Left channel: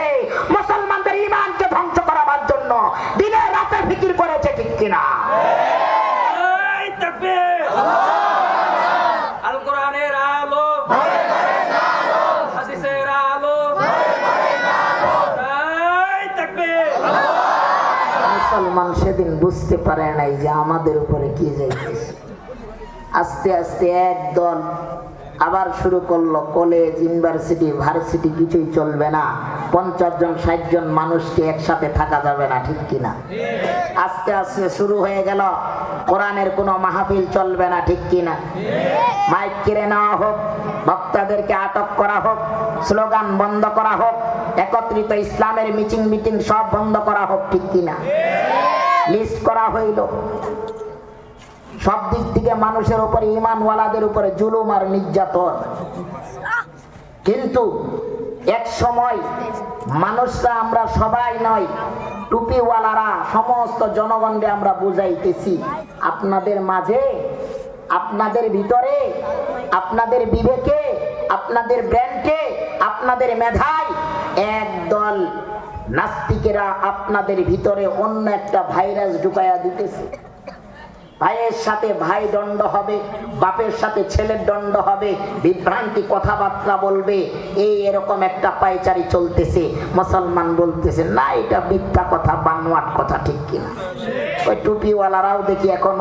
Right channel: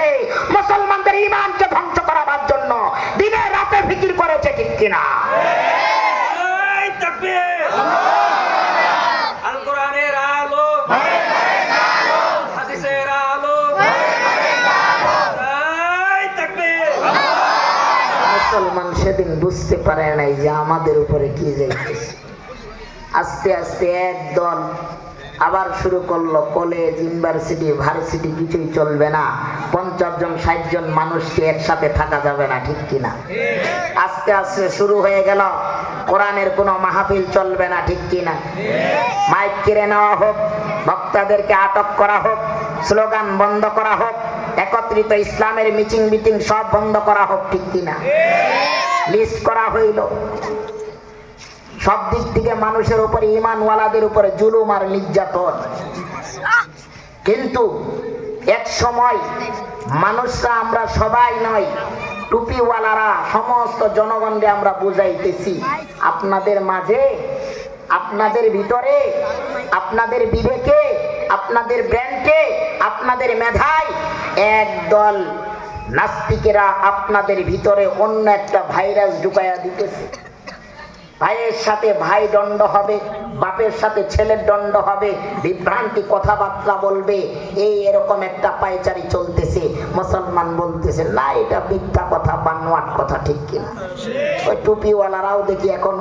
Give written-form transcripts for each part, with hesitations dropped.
করেছে, মুসলমানদের ঈমানকে ধ্বংস করার জন্য দিনে রাতে ফিকির করেছে, ঠিক কিনা? এই তাকবীর! আল কোরআনের আলো, হাদিসের আলো, এই তাকবীর! মুসলমান সেদিন বুঝতে পারে নাই যে আমাদের উপরে কি যাইতেছে। আস্তে আস্তে একদল আবার শুরু করলো, কলেজ, ইউনিভার্সিটি, ভার্সিটি কিছুই চলবে না, 50 জন 60 জন মানুষকে একসাথে থাকা যাবে না, ঠিক কিনা? আস্তে আস্তে শুরু হয়ে গেল কোরআনের কোনো মাহফিল চলবে না, ঠিক কিনা? মাইক কেড়ে নেওয়া হোক, বক্তাদেরকে আটক করা হোক, স্লোগান বন্ধ করা হোক, একত্রিত ইসলামের মিটিং সব বন্ধ করা হোক, ঠিক কিনা? লিস্ট করা হইল। সব দিক থেকে মানুষের উপরে, ঈমানওয়ালাদের উপরে জুলুম আর নির্যাতন। কিন্তু এক সময় মানুষরা, আমরা সবাই নয়, টুপিওয়ালারা সমস্ত জনগণকে আমরা বুঝাইতেছি, আপনাদের মাঝে, আপনাদের ভিতরে, আপনাদের বিবেকে, আপনাদের ব্রেনকে, আপনাদের মেধায় একদল নাস্তিকেরা আপনাদের ভিতরে অন্য একটা ভাইরাস ঢুকাইয়া দিতেছে। ভাইয়ের সাথে ভাই দণ্ড হবে, বাপের সাথে ছেলের দণ্ড হবে, বিভ্রান্তি কথাবার্তা বলবে, এই এরকম একটা পায়চারি চলতেছে। মুসলমান বলতেছে না, এটা মিথ্যা কথা, বানোয়াট কথা, ঠিক কিনা? ওই টুপিওয়ালারাও দেখি এখন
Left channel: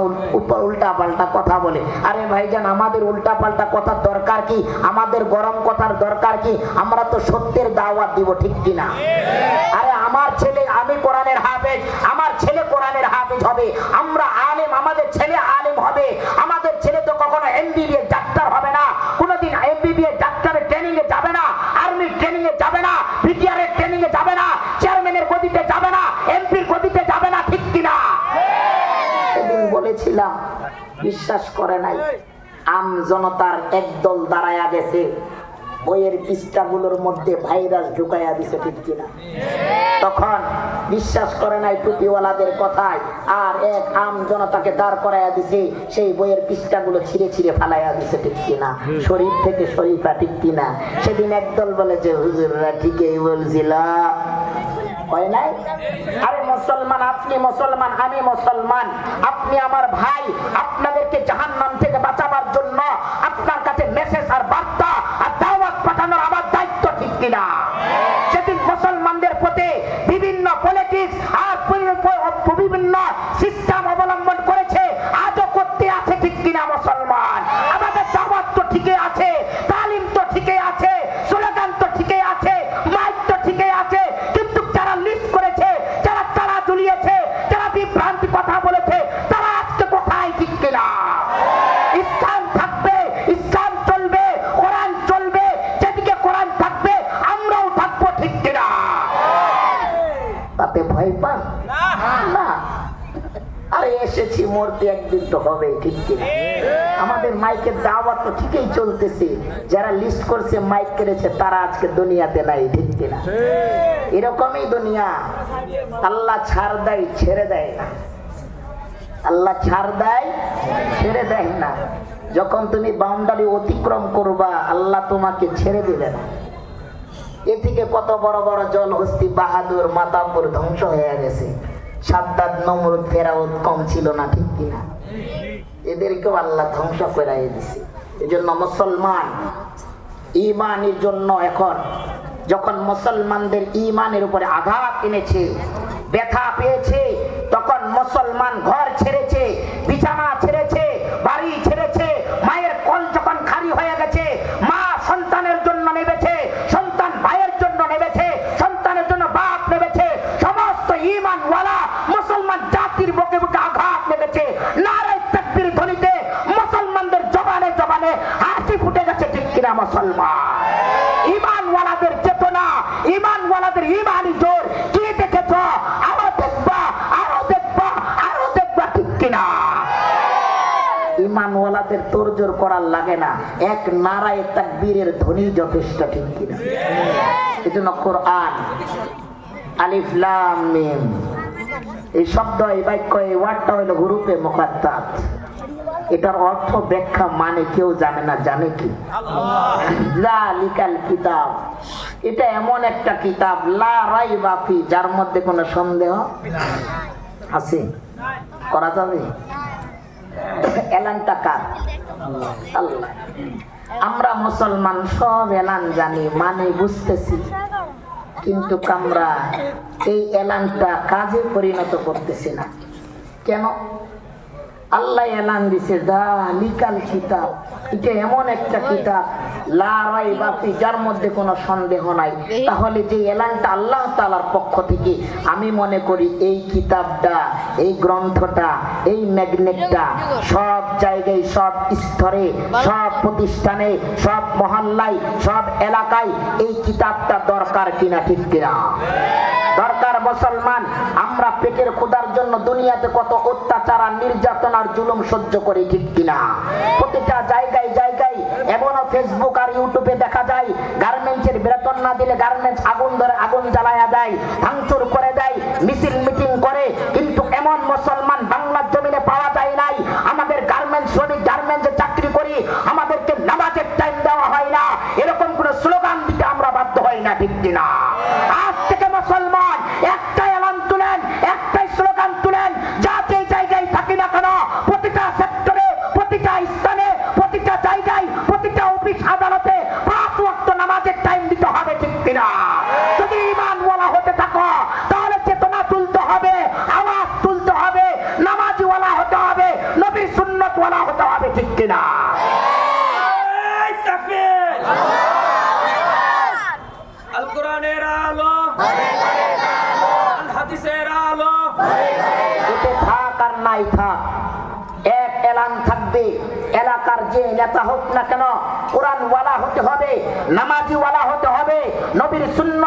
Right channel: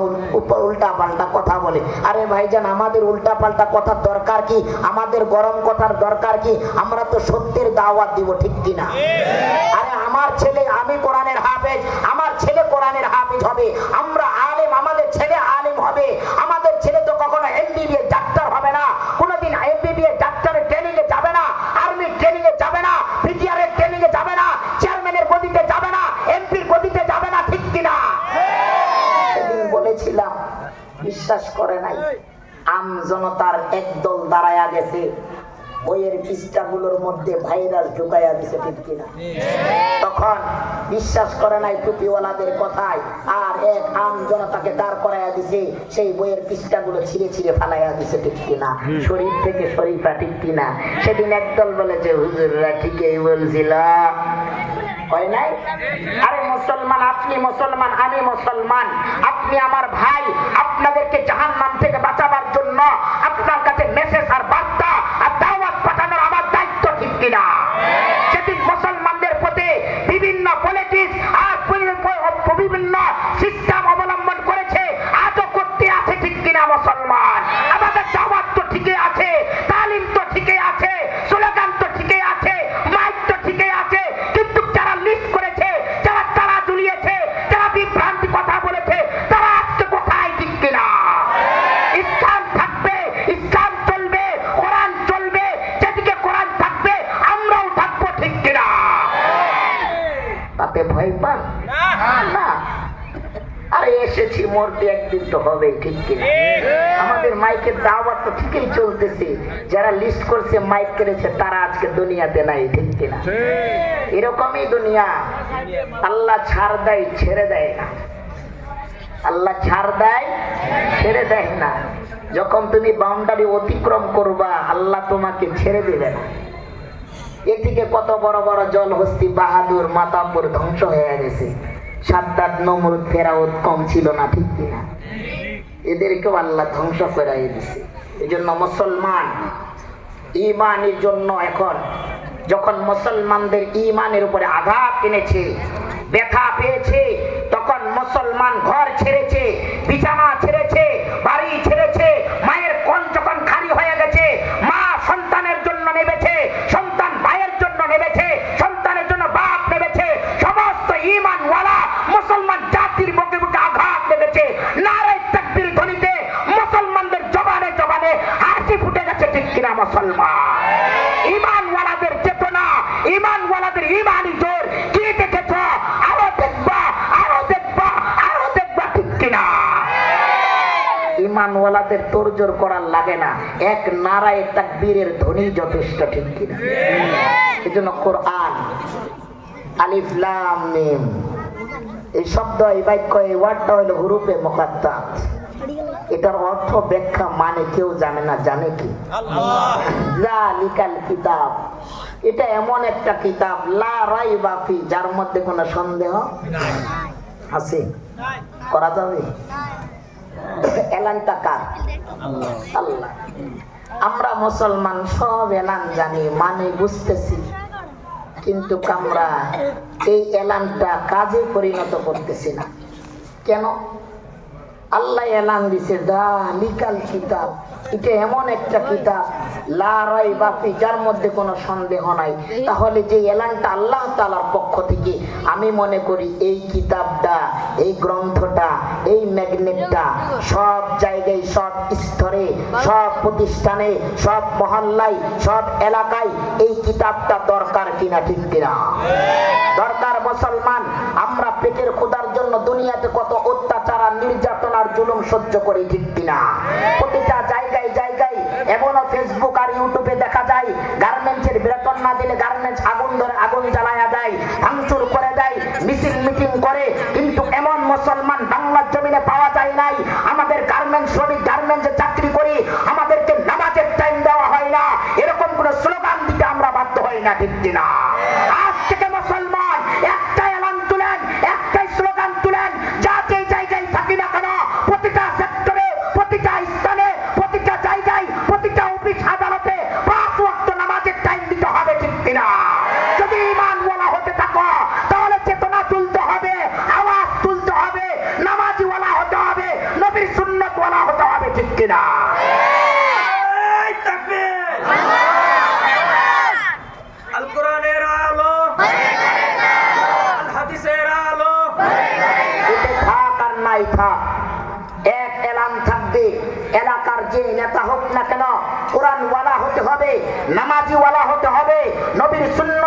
উল্টা পাল্টা কথা বলে। আরে ভাইজান, আমাদের উল্টা পাল্টা কথার দরকার কি? আমাদের গরম কথার দরকার কি? আমরা তো সত্যের দাওয়াত দিব, ঠিক কিনা? আরে আমার ছেলে, আমি কোরআনের হাফেজ, আমার ছেলে কোরআনের হাফেজ হবে, আমরা আলেম, আমাদের ছেলে আলেম হবে। আমাদের ছেলে তো কখনো এমবিবিএস ডাক্তার হবে না, কোনোদিন এমবিবিএস ডাক্তারের ট্রেনিং এ যাবে না, আর্মি ট্রেনিং এ যাবে না, বিটিআর এর ট্রেনিং এ যাবে না, চেয়ারম্যানের গদিতে যাবে না, এমপির গদিতে যাবে না, ঠিক কিনা? সেদিন বলেছিলাম, বিশ্বাস করে নাই। আম জনতার একদল দাঁড়ায়া গেছে, বইয়ের পৃষ্ঠাগুলোর মধ্যে ভাইরাস ঢুকাইয়া দিছে, ঠিক কিনা? তখন বিশ্বাস করে নাই টুপিওয়ালাদের কথায়, আর এক আম জনতাকে দাঁড় করাইয়া দিছে, সেই বইয়ের পৃষ্ঠাগুলো ছিঁড়ে ছিঁড়ে ফালাইয়া দিছে, ঠিক কিনা? শরীফ থেকে শরীফা, ঠিক কিনা? সেদিন একদল বলেছে, হুজুররা ঠিকই বলছিল, হয় নাই? আরে মুসলমান, আপনি মুসলমান, আমি মুসলমান, আপনি আমার ভাই, আপনাদেরকে জাহান্নাম থেকে বাঁচাবার জন্য আপনার কাছে মেসেজ আর বার্তা আর দাওয়াত পাঠানোর আমার দায়িত্ব, ঠিক কিনা? সেদিন মুসলমানদের প্রতি বিভিন্ন পলিটিক্স আর বিভিন্ন সিস্টেম অবলম্বন করেছে, আজও করতে আছে, ঠিক কিনা? মুসলমান, আমাদের দাওয়াত তো ঠিকই আছে, তালিম তো ঠিকই আছে, স্লোগান তো ঠিকই আছে, মাইক তো ঠিকই আছে, কিন্তু যারা লিস্ট করেছে, যারা তারা ঝুলিয়েছে, যারা বিভ্রান্তি কথা বলেছে, তারা আজকে কোথায়, ঠিক কিনা? ইসলাম থাকবে, ইসলাম চলবে, কোরআন চলবে, যেদিকে কোরআন থাকবে আমরাও থাকবো, ঠিক কিনা? তাতে ভয় পান না? আরে এসেছি মরতে, একদিন তো হবে, ঠিক কিনা? আমাদের মাইকের দাওয়াত তো ঠিকই চলতেছে, যারা লিস্ট করছে, মাইক কেড়েছে, তারা আজকে দুনিয়াতে নাই, ঠিক কিনা? এরকমই দুনিয়া। আল্লাহ ছাড় দেয়, ছেড়ে দেয় না। আল্লাহ ছাড় দেয়, ছেড়ে দেয় না। যখন তুমি বাউন্ডারি অতিক্রম করবা, আল্লাহ তোমাকে ছেড়ে দিবে না। এদিকে কত বড় বড় জলহস্তি, বাহাদুর, মাতাব্বর ধ্বংস হয়ে গেছে, সাদ্দাত, নমরুদ, ফেরাউন কম ছিল না, ঠিক কিনা? এদেরকেও আল্লাহ ধ্বংস করে দিয়েছে। এই জন্য মুসলমান ঈমানের জন্য এখন যখন মুসলমানদের ঈমানের উপরে আঘাত এনেছে, ব্যথা পেয়েছে, তখন মুসলমান ঘর ছেড়েছে, বিছানা ছেড়েছে, বাড়ি ছেড়েছে, মায়ের কোল যখন খালি হয়ে গেছে, মা সন্তানের জন্য নেবেছে, সন্তান ভাইয়ের জন্য নেবেছে, সন্তানের জন্য বাপ নেবেছে, সমস্ত ঈমানওয়ালা মুসলমান জাতির বুকে বুকে আঘাত নেবেছে। নারে তাকবীর ধ্বনিতে মুসলমানদের জবানে জবানে হাসি ফুটে গেছে, ঠিক কিনা? মুসলমান ঈমানওয়ালাদের চেতনা, ঈমানওয়ালাদের ঈমানি জোর কি দেখেছ? আরো দেখবা, আরো দেখবা, আরো দেখবা, ঠিক কিনা? ঈমানওয়ালাদের তোড়জোড় করার লাগে না, এক নারায়ে তাকবীরের ধ্বনি যথেষ্ট, ঠিক কিনা? এজন্য কোরআন আলিফ লাম মিম, এই শব্দ, এই বাক্য, এই ওয়ার্ডটা হলো হুরুফে মুকাত্তাত। এটার অর্থ ব্যাখ্যা মানে কেউ জানে না, জানে কি? জালিকাল কিতাব, এটা এমন একটা কিতাব লা রাইবা ফি, যার মধ্যে কোনো সন্দেহ আছে, করা যাবে। এলানটা কার? আল্লাহ। আমরা মুসলমান সব এলান জানি, মানে বুঝতেছি, কিন্তু আমরা এই এলানটা কাজে পরিণত করতেছি না। কেন? আল্লাহ এলান দিছে যালিকাল কিতাব, এটা এমন একটা কিতাব লা রাইবা ফি, যার মধ্যে কোনো সন্দেহ নাই। তাহলে যে এলানটা আল্লাহ তাআলার পক্ষ থেকে, আমি মনে করি এই কিতাবটা, এই গ্রন্থটা, এই ম্যাগনেটটা সব জায়গায়, সব স্তরে, সব প্রতিষ্ঠানে, সব মহল্লায়, সব এলাকায় এই কিতাবটা দরকার কিনা, ঠিক কিনা? দরকার। মুসলমান আমরা পেটের ক্ষুধার জন্য দুনিয়াতে কত অত্যাচার আর নির্যাতন আর জুলুম সহ্য করি, ঠিক কিনা? প্রতিটা জায়গায় জায়গায়, এমনও ফেসবুক আর ইউটিউবে দেখা যায় গার্মেন্টসের বেতন না দিলে গার্মেন্টস আগুন ধরে, আগুন জ্বালায়া দেয়, ভাঙচুর করে দেয়, মিছিল মিটিং করে। কিন্তু এমন মুসলমান বাংলার জমিনে পাওয়া যায় নাই। আমাদের গার্মেন্টস শ্রমিক, গার্মেন্টসে চাকরি করি, আমাদেরকে নামাজের টাইম দেওয়া হয় না, এরকম কোনো স্লোগান দিতে আমরা বাধ্য হই না, ঠিক কিনা? আজ থেকে মুসলমান একটা এলান তুলেন, একটাই স্লোগান তুলেন, যা যে জায়গায় থাকি না কেন, প্রতিটা সেক্টরে, প্রতিটা স্থানে, প্রতিটা জায়গায়, প্রতিটা অফিস আদালতে 5 ওয়াক্ত নামাজের টাইম দিতে হবে, ঠিক কিনা? যদি ঈমান ওয়ালা হতে থাকো তাহলে চেতনা তুলতে হবে, আওয়াজ তুলতে হবে, নামাজি ওয়ালা হতে হবে, নবীর সুন্নাত ওয়ালা হতে হবে, ঠিক কিনা? এই তাকবীর! আল কোরআনের আলো, আল হাদিসের আলো। এতে থাক আর নাই থাক, এক এলান থাকবে। এলাকার যে নেতা হোক না কেন, কোরআন ওয়ালা হতে হবে, নামাজি ওয়ালা হতে হবে, নবীর সুন্নাত